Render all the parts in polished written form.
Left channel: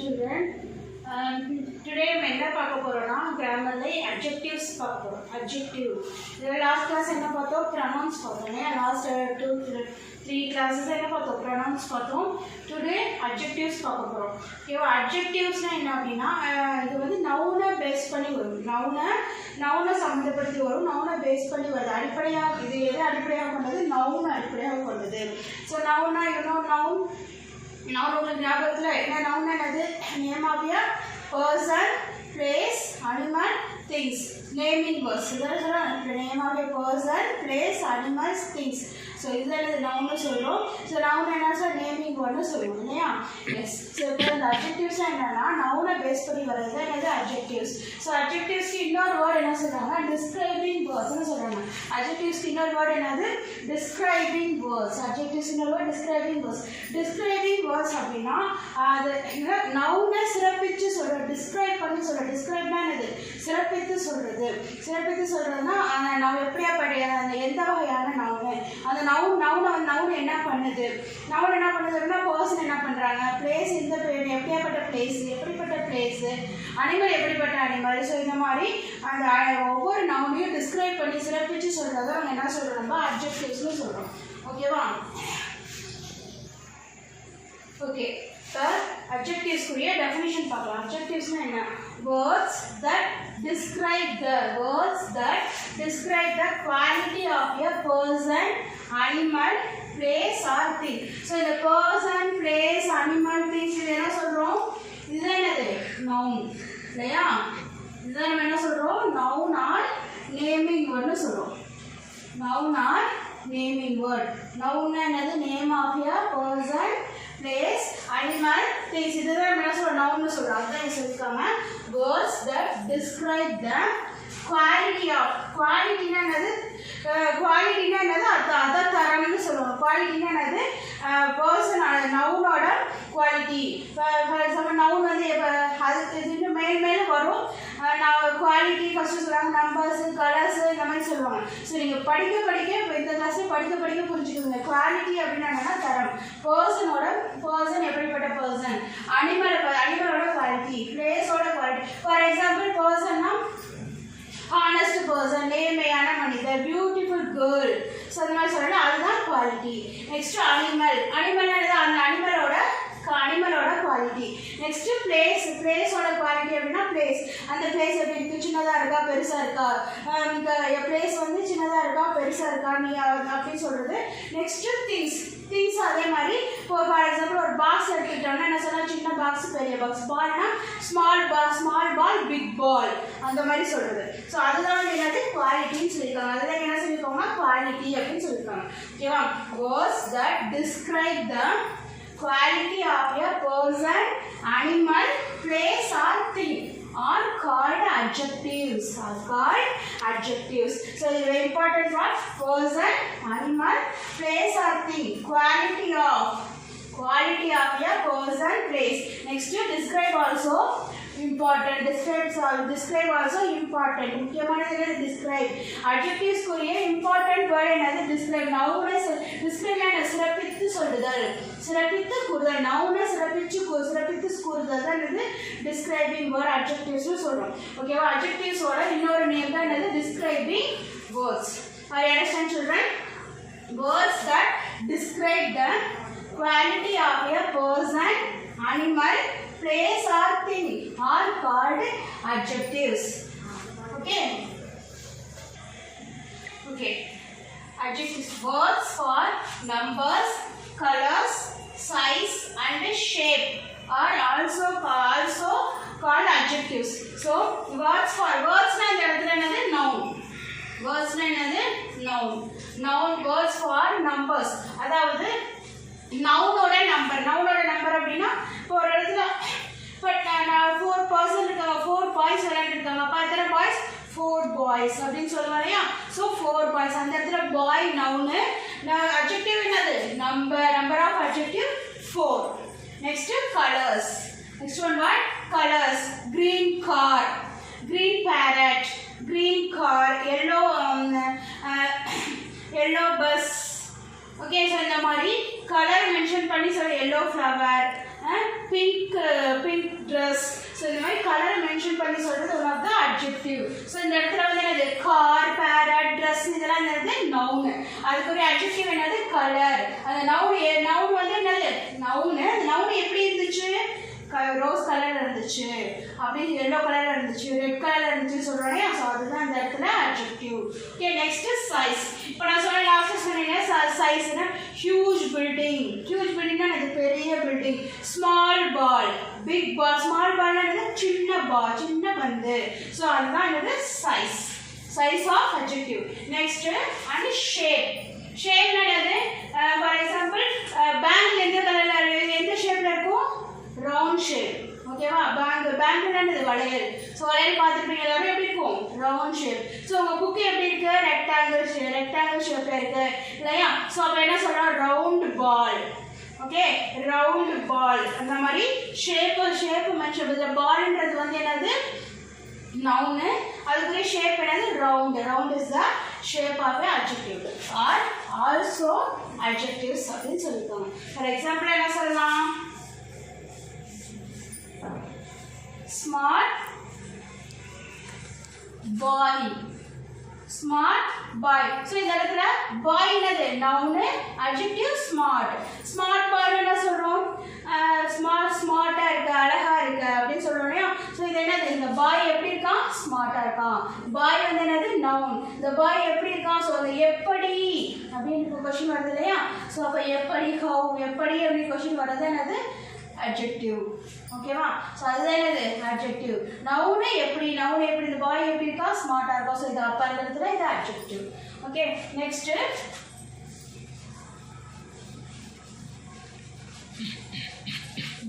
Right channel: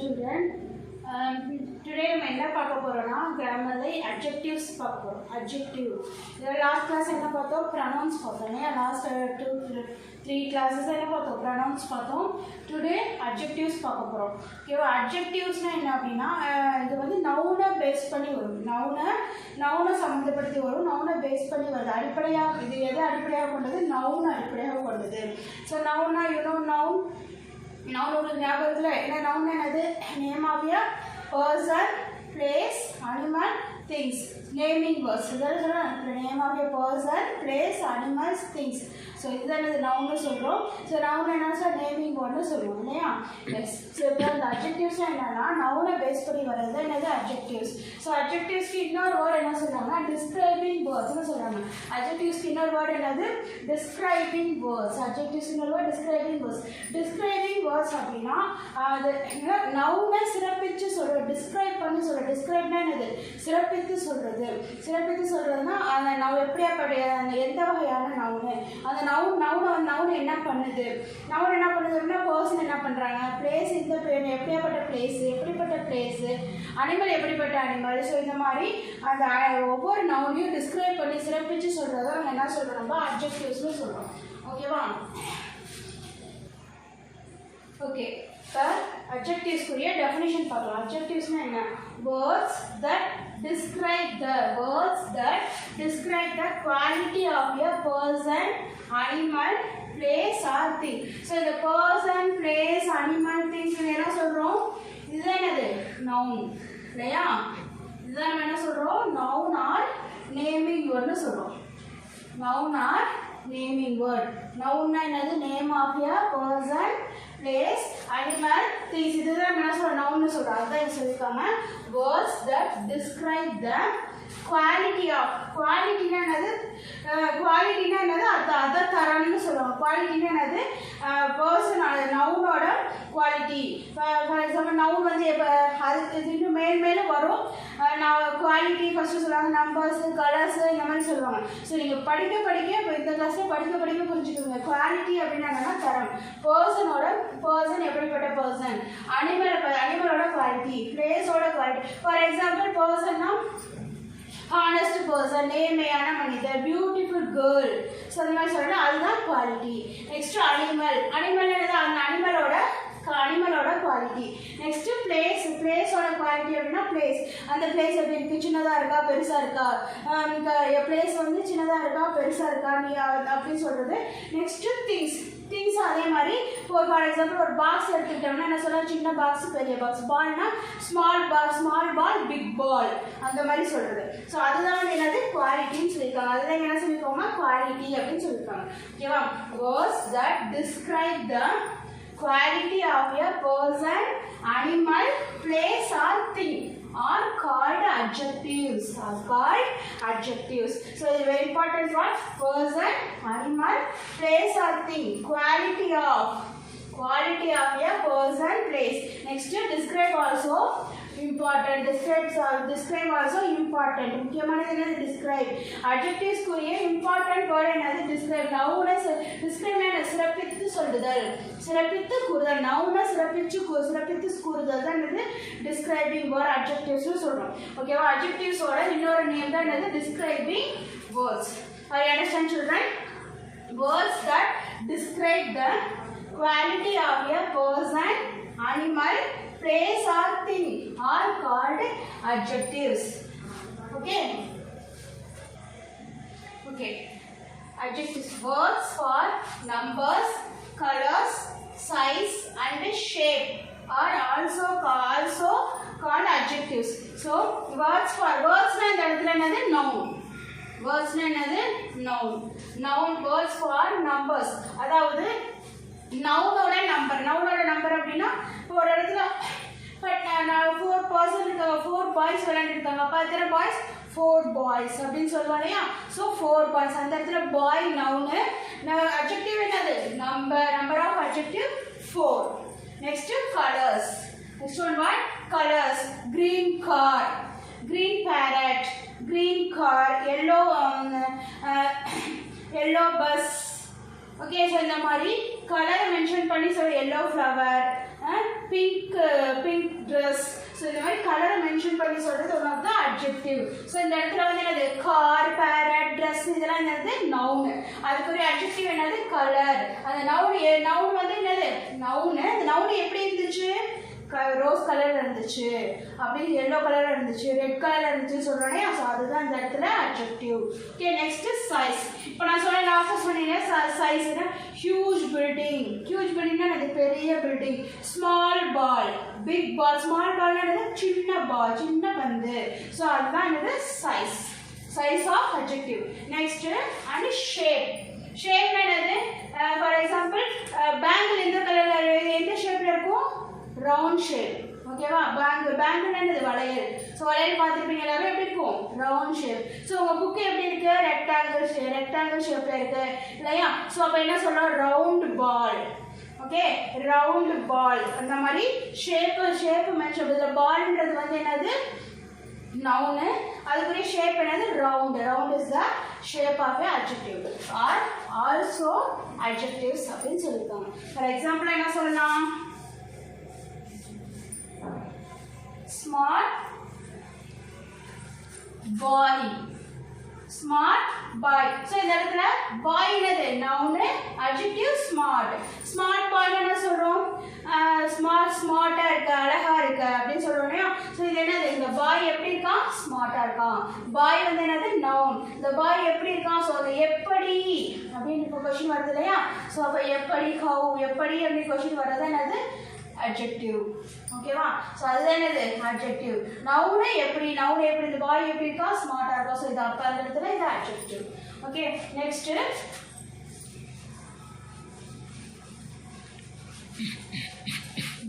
children. Today நம்ம என்ன பார்க்க போறோம்னா கிராமர்ல adjectives பார்க்க போறோம். adjective. இந்த last class என்ன பார்த்தோம்? pronouns பார்த்தோம். last 2-3 classes என்ன பார்த்தோம்? pronouns பார்த்தோம். Today adjectives பார்க்க போறோம். ஓகேவா? adjectivesனா என்ன அப்படினா இது வந்து noun-ஐ பேஸ் பண்ணி வரும். noun-ஐ சம்பந்தப்படுத்தி வரும். noun-ஐ பேஸ் பண்ணி வருது. அடிப்படையா இது எது அடிப்படையாக கொண்டது? noun அடிப்படையாக கொண்டது. So noun-னா you know noun உங்களுக்கு ஞாபகத்தில் என்ன noun என்னது? name of a person, place, animal, things. Naming words. இதான் சொல்றோம் name of a person, place, animals, things. So இதான் noun சொல்றோம். So noun என்ன சொல்ற naming word சொல்லுவோம் இல்லையா? Yes. So இப்போ அந்த adjectives என்னன்னா noun-ஐ பேஸ் பண்ணி வரது என்னது adjectives. So adjectives க்கு இன்னொரு word என்ன சொல்றாங்க? describing words னு சொல்றாங்க. adjectives க்கு இன்னொரு word என்னது? describing words. adjectives இன்னொரு word describing words. describing words அப்படினா அது noun-ஐ சிறப்பிச்சு சொல்ற describe பண்ணி சொல்ற describe-னா என்னது? சிறப்பித்து சொல்றது. சிறப்பித்து சொல்றதுனா அந்த noun எப்படியாப்பட்ட எந்த வகையான noun அந்த noun என்ன பண்ணுது? noun என்ன பண்ணுதுன்னா person என்ன பண்றாங்க? place இந்த எப்படியாப்பட்ட place எப்படிப்பட்ட place animal எப்படிப்பட்ட animal. ஸோ இந்த மாதிரி அந்த ஒவ்வொரு noun-ஐயும் describe பண்ணி சிறப்பிச்சு சொல்றத நம்ம என்ன சொல்றோம்? நம்ம adjectives-னு சொல்றோம். ஓகேவா? ஓகே இப்போ adjectives-குரிய definition பார்க்கலாம். adjectives-னா என்ன? words that describe the quality of a person, animal, place or thing. So the person, place, animal, things இது என்ன சொல்றோம்? இதுதான் என்னது? noun. இல்லையா? இதுதான் நம்ம என்ன சொல்றோம்? noun or naming word னு சொல்றோம். noun or naming word. noun என்னது? name of a person, place, animal, things. இதுதான் நம்ம என்ன சொல்றோம்? noun னு சொல்றோம். அதான் சொல்லிருக்காங்க words that describe the quality of. qualityனா என்னது? qualityனா என்னது? அத தரம்னு சொல்லுவாங்க. qualityனா என்னது? person noun-ஓட quality. For example noun வந்து அது இது மேல வரும். குவாலிட்டி ஃபர்ஸ்ட் சொல்லுவாங்க நம்பர்ஸ் கலர்ஸ் இந்த மாதிரி சொல்லுவாங்க. ஸோ நீங்கள் படிக்க இப்போ இந்த கிளாஸில் படிக்க புரிஞ்சுக்கோங்க. குவாலிட்டி அப்படின்னா என்னன்னா தரம். பர்சன் எப்படிப்பட்ட பர்சன், அனிமலோட குவாலிட்டி, பிளேஸோட குவாலிட்டி. ஃபார் எக்ஸாம்பிள் பர்சன்னா ஹானஸ்ட் பர்சன், நேர்மையான மனிதர், பியூட்டிஃபுல் கேர்ள். ஸோ அந்த மாதிரி சொல்லலாம், அதுதான் குவாலிட்டி. நெக்ஸ்ட் அனிமல் அந்த அனிமலோட குவாலிட்டி. நெக்ஸ்ட் பிளேஸோட குவாலிட்டி அப்படின்னா பிளேஸ். அந்த பிளேஸ் எப்படி இருக்கு? சின்னதாக இருக்கா பெருசாக இருக்கா? நீங்கள் பிளேஸ் வந்து சின்னதாக இருக்கா பெருசாக இருக்கா நீ அப்படின்னு சொல்கிறது. நெக்ஸ்ட்டு திங்ஸ் அதே மாதிரி. இப்போ ஃபார் எக்ஸாம்பிள் ஒரு பாக்ஸ் எடுத்துக்கிட்டோம்னா என்ன சொல்லலாம்? சின்ன பாக்ஸ் பெரிய பாக்ஸ். பால்னா ஸ்மால் பால் பிக் பால் அந்த மாதிரி சொல்கிறது. ஸோ அதுதான் வந்து என்னது? குவாலிட்டின்னு சொல்லியிருக்காங்க. அதுதான் என்ன சொல்லியிருக்காங்க? குவாலிட்டி அப்படின்னு சொல்லியிருக்காங்க. ஓகேவா? Words that describe the quality of a person, animal, place or thing are called adjectives. So the very important word person, animal, place or thing. Quality of a person, place. Next describe also important. Describe also important. முக்கியமானது என்னது? describe. adjectives குரிய important word என்னது? describe. noun describe என்ன? சிறப்பித்து சொல்லுதல், சிறப்பித்து கூறுதல். noun சிறப்பித்து கூறுதல் தான் என்னது? describing word adjectives னு சொல்றோம். ஓகேவா? adjectives ஓட இன்னொரு நேம் தான் என்னது? describing words. Are you understand children? words that describe the quality of a person, animal, place or thing are called adjectives. Okay. Adjectives. Words for numbers, colors, size and shape are also called adjectives. So words na இந்த இடத்துல என்னது? noun. words na என்னது? noun. words for numbers. அதாவது noun-ஓட number அப்படின்னா இப்போ ஒரு இடத்துல நான் 4 பர்சன் இருக்காங்க, 4 பாய்ஸ் விளையாண்டுருக்காங்க. அப்போ எத்தனை பாய்ஸ்? 4 பாய்ஸ் அப்படின்னு சொல்லுவாங்க இல்லையா? So 4 boys. அந்த இடத்துல பாய் நவுனு. அட்ஜெக்டிவ் என்னது? Number of adjective 4. Next colours. Next one what? Colours. Green car, green parrot, green car, yellow bus. Okay. So இந்த மாதிரி கலர் மென்ஷன் பண்ணி சொல்ல. Yellow flower, pink dress. So இந்த மாதிரி கலரை மென்ஷன் பண்ணி சொல்கிறது one of the adjective. So இந்த இடத்துல வந்து என்னது கார், பேரட், ட்ரெஸ் இதெல்லாம் என்னது நவுன். அதுக்குரிய அட்ஜெக்டிவ் என்னது கலர். அந்த நவுன் வந்து என்னது நவுன். அந்த நவுன் எப்படி இருந்துச்சு ரோஸ் கலரில் இருந்துச்சு, அப்படின்னு எல்லோ கலரில் இருந்துச்சு, ரெட் கலரில் இருந்துச்சு சொல்கிறேனே. ஸோ அதுதான் இந்த இடத்துல அட்ஜெக்டிவ். Okay next size. இப்போ நான் சொல்ல லாஸ்ட்டாக சொன்னீங்கன்னா சைஸ்னா ஹியூஜ் பில்டிங். ஹியூஜ் பில்டிங்னா அது பெரிய building. Small ball, big ball. Small பால்னா என்னது சின்ன பால், சின்ன பந்து. ஸோ அதுதான் என்னது size. Size of adjective. Next and shape. ஷேப்னா என்னது ஃபார் எக்ஸாம்பிள் பேங்க் எந்த கலரில் எந்த ஷேப்பில் இருக்கும் ரவுண்ட் ஷேப். ஓகேவா பேங்க்னா என்னது வளையல். ஸோ வளையல் பார்த்துருப்பீங்க எல்லாரும் எப்படி இருக்கும் ரவுண்ட் ஷேப். ஸோ உங்கள் புக்கு எப்படி இருக்கு ரெக்டாங்கிள் ஷேப்பில் இருக்கு இல்லையா. ஸோ அப்போ என்ன சொல்கிறோம் ரவுண்ட் பால். ஓகே ரவுண்ட் பால். அந்த மாதிரி ஷேப்பு மென்ஷன். இதில் பால்ன்றது வந்து என்னது நவுனு. அதுக்குரிய ஷேப் என்னது round. Round is the shape of a adjective or also adjectives அப்படின்னு சொல்லியிருக்காங்க. ஃபார் எக்ஸாம்பிள் என்ன சொல்லலாம் smart boy. Smart boy. So இந்த இடத்துல பாய் என்னது நவுனு, அட்ஜெக்டிவ் ஸ்மார்ட். ஸ்மார்ட் பாய் என்ன சொல்கிறோம் ஸ்மார்ட்டாக இருக்கு, அழகாக இருக்கு அப்படின்னு சொல்கிறோம் இல்லையா. ஸோ இது என்னது இந்த பாய் எப்படி இருக்கான் ஸ்மார்ட்டாக இருக்கான். பாய் வந்து என்னது நவுன். இந்த பாய் எப்படி இருக்கான் ஸோ எப்படி அப்படின்னு கொஸ்டின் வருது இல்லையா. ஸோ அப்போ எப்படி ஹவு எப்படி அப்படின்னு கொஸ்டின் வர்றது என்னது adjective. ஓகேவா. ஸோ அதுதான் என்னது adjective. நவுனு எப்படி இந்த பாய் எப்படி இருக்கா ஸ்மார்ட்டாக இருக்கா. ஸோ இது அப்போ அந்த இடத்துல இது adjective. Okay next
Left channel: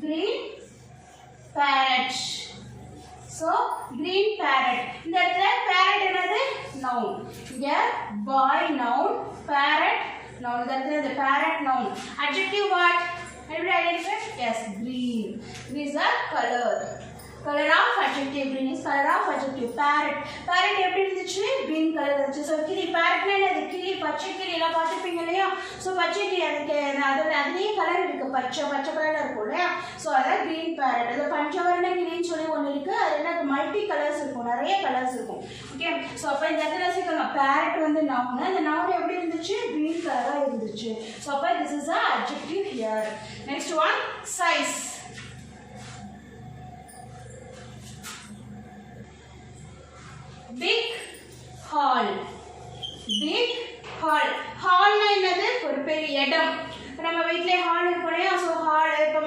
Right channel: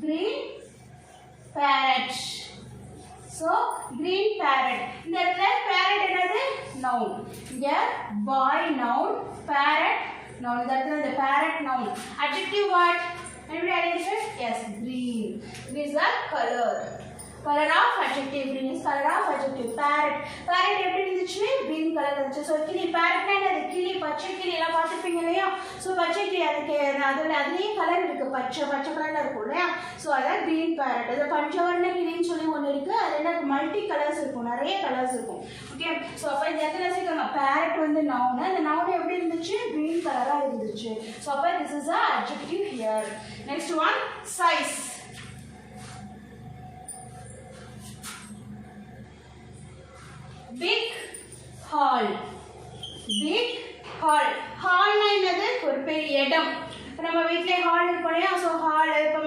green parrot. So green parrot. இந்த இடத்துல parrot என்னது noun. இங்கே boy noun, parrot noun. இந்த இடத்துல இந்த parrot noun. Adjective what? Everybody identify? Yes, green. Green is a color. Color of adjective. Green is color of adjective. Parrot. Parrot எப்படி இருந்துச்சு green color இருந்துச்சு. ஸோ கிளி parrotனா என்னது கிளி, பச்சை கிளி எல்லாம் பார்த்துருப்பீங்க இல்லையா. ஸோ பச்சை கிளி அதுக்கு அதுலேயே கலர் இருக்குது பச்சை கலரில் இருக்கும் இல்லையா. ஸோ அதான் green parrot. அது பஞ்சவர்ண கிளின்னு சொல்லி ஒன்று இருக்குது. அது என்ன மல்டி கலர்ஸ் இருக்கும், நிறைய கலர்ஸ் இருக்கும். ஓகே ஸோ அப்போ இந்த இடத்துல வச்சுக்கோங்க parrot வந்து நவுனு. அந்த நவுன் எப்படி இருந்துச்சு green கலராக இருந்துச்சு. ஸோ அப்போ this is a adjective here. Next one size. Big hall. Big hall. Hall na என்னது ஒரு பெரிய இடம். இப்போ நம்ம வீட்டிலே ஹால் இருக்கும் இல்லையா. ஸோ ஹால் இப்போ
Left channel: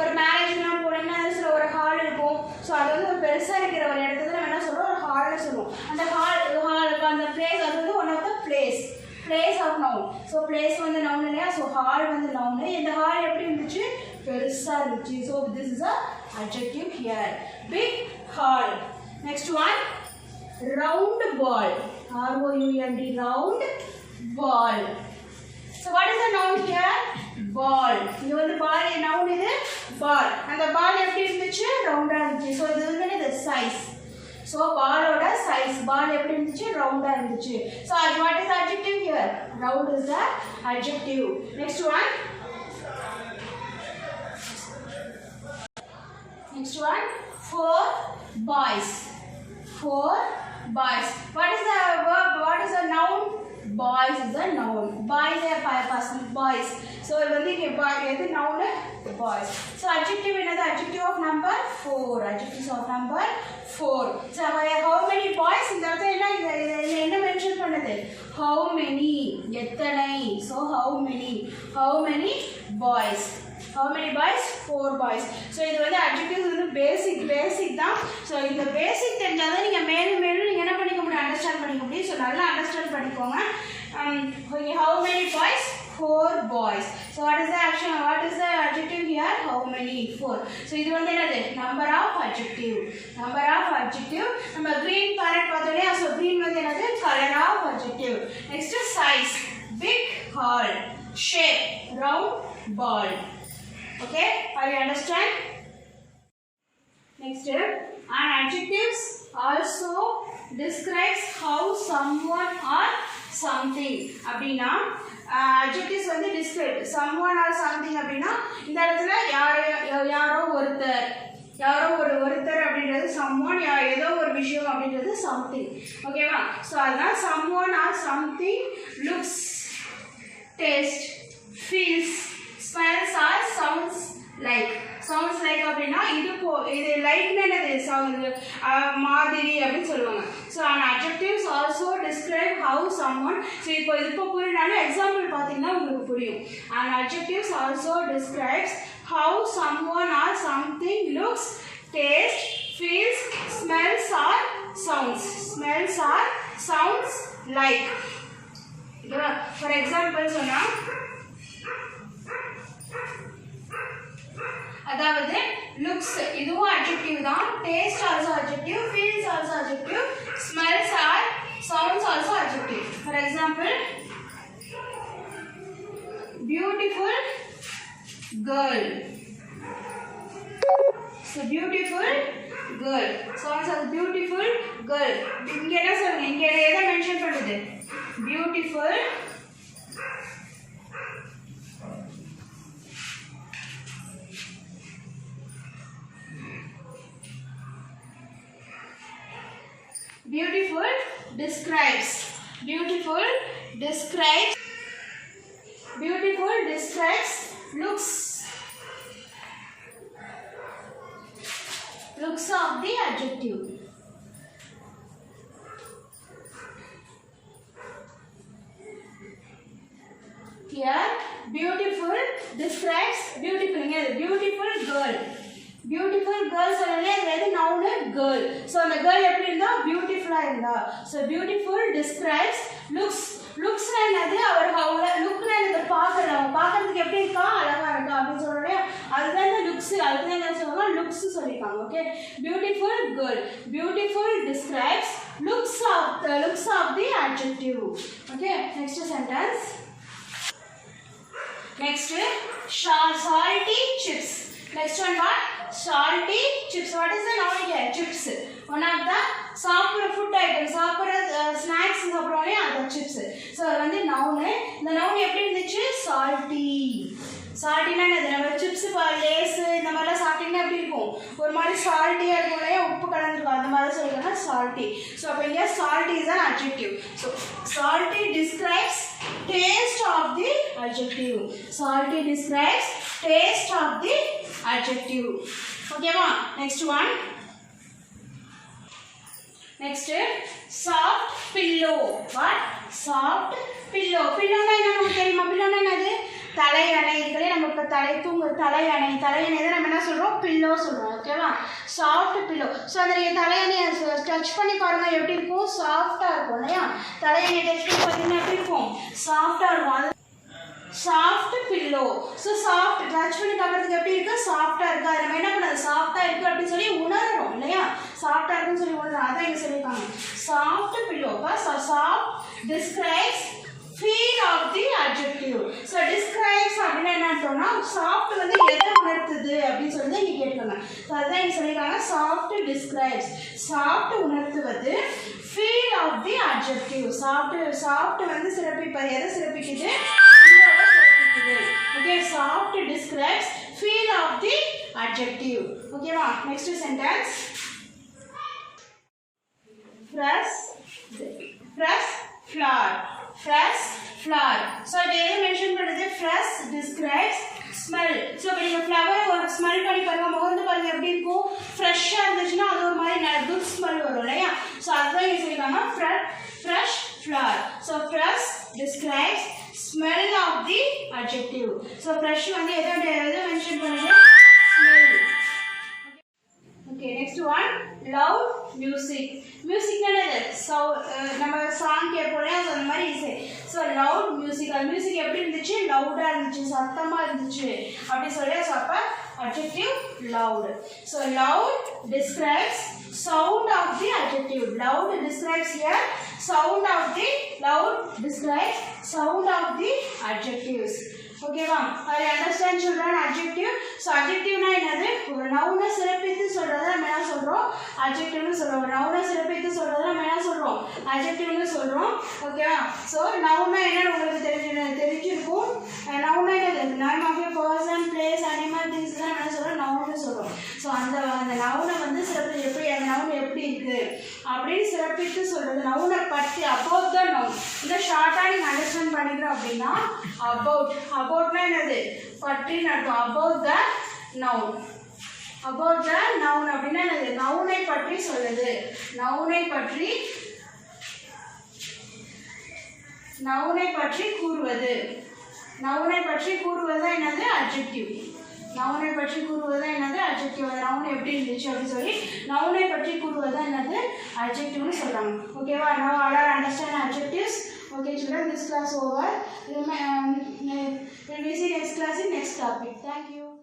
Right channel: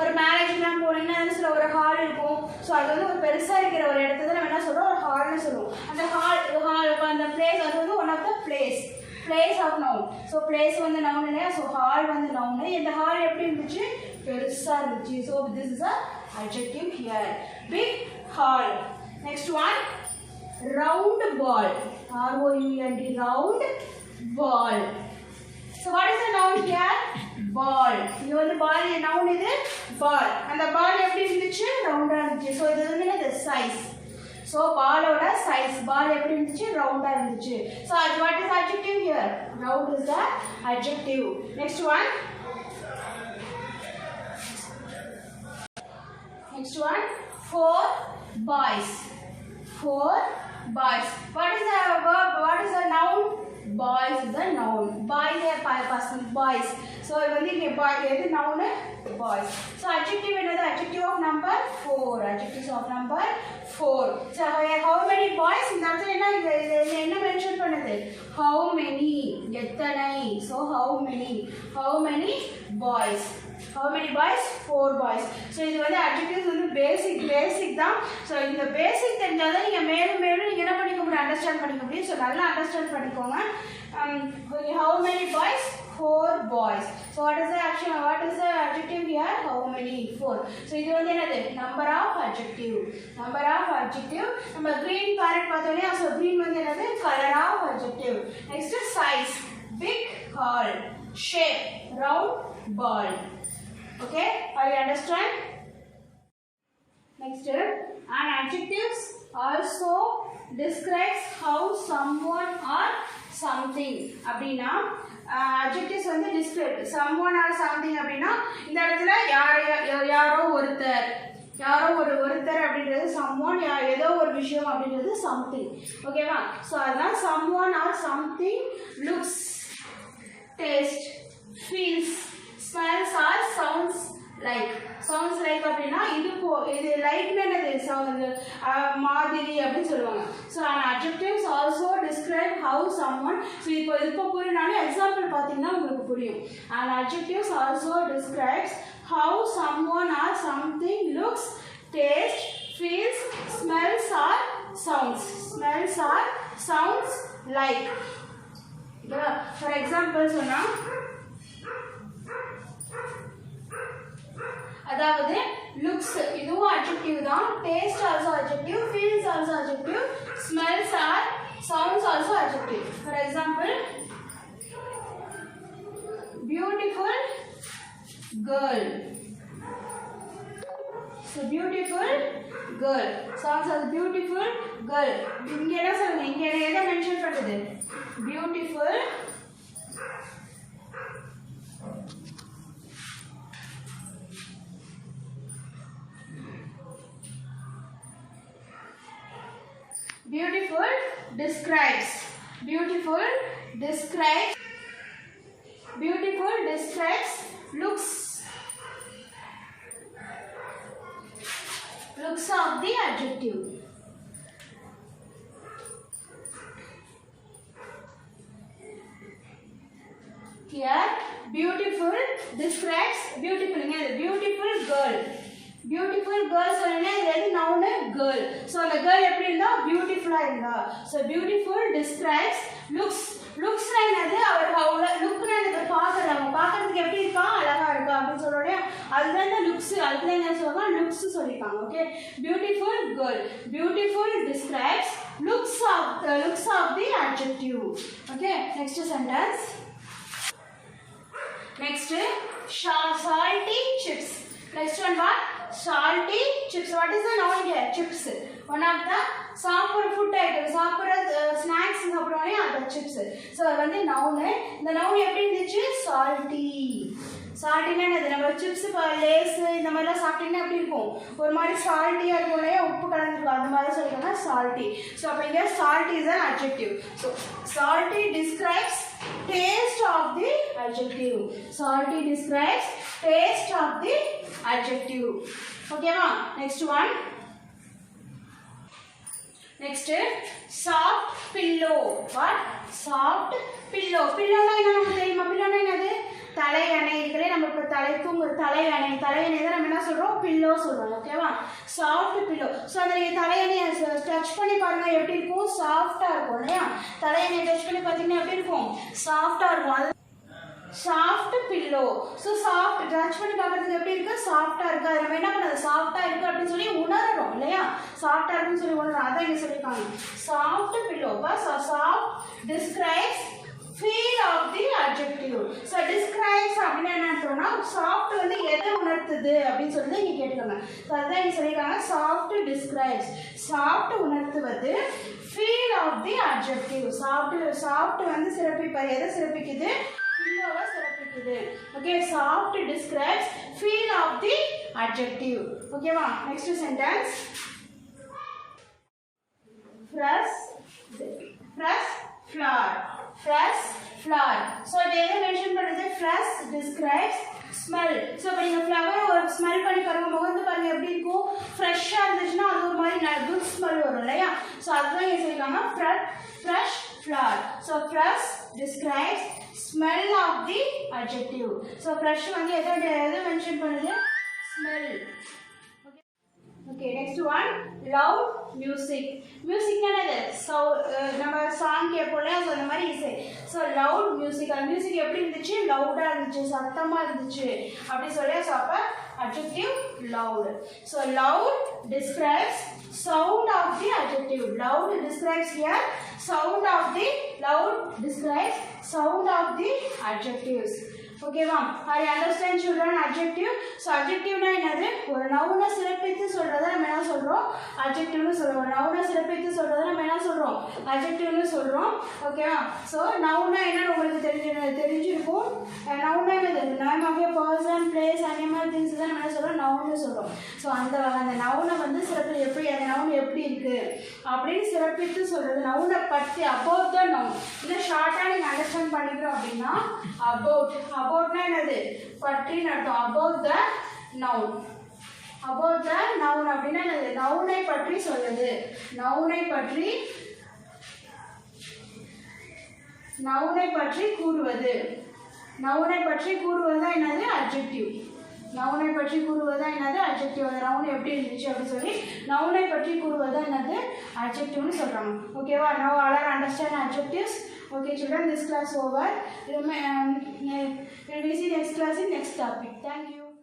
ஒரு மேரேஜ்லாம் போனீங்கன்னா சில ஒரு ஹால் இருக்கும். ஸோ அது வந்து ஒரு பெருசாக இருக்கிற ஒரு இடத்துல நம்ம என்ன சொல்லுவோம் ஒரு ஹால்னு சொல்லுவோம். அந்த ஹால் இப்போ அந்த பிளேஸ் அது வந்து one of the place of noun. So place வந்து நவுன் இல்லையா. ஸோ ஹால் வந்து நவுனு. இந்த ஹால் எப்படி இருந்துச்சு பெருசாக இருந்துச்சு. So this is a adjective here. Big hall. Next one round ball. R-O-U-N-D round ball. So what is the noun here? Ball. இது வந்து ball noun இது ball. அந்த ball எப்படி இருந்துச்சு ரவுண்டா இருந்துச்சு. ஸோ இது வந்து என்னது size. ஸோ பாலோட சைஸ் பால் எப்படி இருந்துச்சு ரவுண்டாக இருந்துச்சு. So what is the adjective here? Round is the adjective. Next one. Next one. 4 boys. 4 boys. What is the verb? What is the noun? Boys is the noun. Boys are person. Boys. So வந்து இங்கே எது noun? Boys. So adjective என்னது? Adjective of number 4. Adjectives of number 4. So how many boys? இந்த இடத்துல என்ன mention பண்ணுது? How many? எத்தனை? So how many boys? How many boys? 4 boys. So இது வந்து adjectives வந்து basic தான். So இந்த basic தெரிஞ்சாதான் நீங்கள் மேலும் நீங்கள் என்ன பண்ணிக்க முடியும் அண்டர்ஸ்டாண்ட் பண்ணிக்க முடியும். ஸோ நல்லா அண்டர்ஸ்டாண்ட் பண்ணிக்கோங்க. How many boys? 4 boys. So what is the action? What is the adjective here? How many? 4. So இது வந்து என்னது number of adjective. நம்ம green parrot பார்த்தோம் இல்லையா. ஸோ green வந்து என்னது color of adjective. Next size. Big hall. Shape. Round ball. Okay, are you understand? Next, an adjectives also describes how someone or something. அப்படின்னா adjectives வந்து describe someone or something அப்படினா இந்த இடத்துல யாரோ ஒருத்தர் அப்படின்றது someone ஏதோ ஒரு விஷயம் அப்படின்றது something ஓகேவா சோ அதனால someone or something looks taste feels smells or sounds like அப்படினா இது லைக்னா என்னது மாதிரி அப்படி சொல்லுவாங்க so an adjectives also describe how someone so இப்போ புரியனால எக்ஸாம்பிள் பாத்தீங்கன்னா உங்களுக்கு புரியும் an adjectives also describes how someone or something looks tastes feels smells or sounds like for example சொன்னா அதாவது looks இதுவும் adjective தான் taste also adjective feels also adjective smells or sounds also adjective for example beautiful girl so beautiful girl sounds as beautiful girl இங்க என்ன சொல்றீங்க இங்க எதை mention பண்ணுது beautiful describes looks of the adjective here beautiful describes beautiful சொல்லனே அது noun girl so அந்த girl எப்படி இருந்தா பியூட்டிஃபுல்லா இருந்தா so beautiful describes looks என்னது அவர் லுக்னா என்னது பார்க்கிறதுக்கு எப்படி இருக்கா அழகா இருக்கா அப்படி சொல்றோம் அதுதான் இந்த looks அதுதான் என்ன சொல்றாங்க looks சொல்லிருக்காங்க okay beautiful describes looks of the adjective okay next sentence next salty chips next one what salty chips what is the noun here chips one of the சாப்பிடுற ஃபுட் ஐட்டம் சாப்பிடுற snacks சாப்பிடுவோம்ல அந்த chips so வந்து noun இந்த noun எப்படி இருந்துச்சு saltyனா என்னது நம்ம chips lace இந்த மாதிரிலாம் சாப்பிட்டீங்கன்னா எப்படி இருக்கும் ஒரு மாதிரி salty இருக்கும்ல உப்பு கலந்திருக்கும் அந்த மாதிரி சொல்றாங்க salty சோ அப்ப இங்க salty is an adjective so salty describes taste of the adjective okay ma next one next soft pillow what soft pillow na என்ன நமக்கு தெரியுமா pillow na என்னது தலையணை இதுல நம்ம இப்ப தலையணை தான் நம்ம என்ன சொல்றோம் pillow சொல்றோம் ஓகேவா soft pillow சோ அந்த நீங்க தலையணையை டச் பண்ணி பாருங்க எப்படி இருக்கும் சாஃப்ட்டா இருக்கும் இல்லையா தலையணையை டச் பண்ணி பாத்தீங்கன்னா எப்படி இருக்கும் சாஃப்ட்டா இருக்கும் soft pillow so soft touch பண்ணி பார்க்கிறதுக்கு எப்படி இருக்கு சாஃப்ட்டா இருக்கு அது நம்ம என்ன பண்ணது சாஃப்ட்டா இருக்கு அப்படி சொல்லி உணர்றோம் இல்லையா சாஃப்ட்டா இருக்குன்னு சொல்லி உணர்றோம் அத இங்க சொல்லிருக்காங்க soft pillow so soft describes feel of the adjective so describes அப்படினா என்ன அர்த்தம்னா soft வந்து எதை உணர்த்துது அப்படி சொல்லி இங்க கேட்காங்க so அத இங்க சொல்லிருக்காங்க soft describes soft உணர்த்துவது feel of the adjective soft வந்து சிறப்பிப்பது எதை சிறப்பிக்குது okay soft describes feel of the adjective okay ma next sentence fresh flower so இத மென்ஷன் பண்ணுது fresh describes smell so நீங்க flower ஒரு ஸ்மெல் பண்ணி பாருங்க முகந்து பாருங்க எப்படி இருக்கும் ஃப்ரெஷ்ஷா இருந்துச்சுனா அது ஒரு மாதிரி குட் ஸ்மெல் வரும் இல்லையா so அதான் இங்க சொல்றாங்க fresh flower so fresh describes smell of the adjective so fresh வந்து எதை மென்ஷன் பண்ணுது smell okay next one loud music என்னது so நம்ம சாங் கேட்போம்ல அது அந்த மாதிரி இசை so loud music எப்படி இருந்துச்சு லவுடா இருந்துச்சு சத்தமா இருந்துச்சு அப்படி சொல்லியா so அப்ப adjective loud so loud describes sound of the adjective loud describes here sound of the adjectives okay ma'am are you understand children adjective so adjective na enadhu ஒரு noun சிறப்பித்து சொல்றத நம்ம என்ன சொல்றோம் சொல்கிறோம் அட்ஜெக்டிவ்னு சொல்கிறோம். நவுனை சிறப்பித்து சொல்கிறத நம்ம என்ன சொல்கிறோம் அட்ஜெக்டிவ்னு சொல்கிறோம். ஓகேவா? ஸோ நவுனா என்னன்னு உங்களுக்கு தெரிஞ்சிருக்கும். நவுனா என்னது name of a person place animal things தான் என்ன சொல்கிறோம் நவுன்னு சொல்கிறோம். ஸோ அந்த நவுனை வந்து சிறப்பு எப்படி அந்த நவுன் எப்படி இருக்குது அப்படின்னு சிறப்பித்து சொல்கிறது. நவுனை பற்றி அபவுட் த நவுன் இன்னும் ஷார்ட்டாக நீங்கள் அண்டர்ஸ்டாண்ட் பண்ணிக்கிறோம் அப்படின்னா அபவுட்னா என்னது பற்றின்னு அர்த்தம். About the noun about the noun அப்படின்னா என்னது நவுனை பற்றி சொல்லுது. நவுனை பற்றி கூறுவது. நவுனை பற்றி கூறுவது என்னது அட்ஜெக்டிவ். நவுனை பற்றி கூறுவது என்னது அட்ஜெக்டிவ். நவுன் எப்படி இருந்துச்சு அப்படின்னு சொல்லி நவுனை பற்றி கூறுவது என்னது அட்ஜெக்டிவ்னு சொல்கிறாங்க. ஓகேவா? now all are understand adjectives. Okay children, this class over. We'll see next class in next topic. Thank you.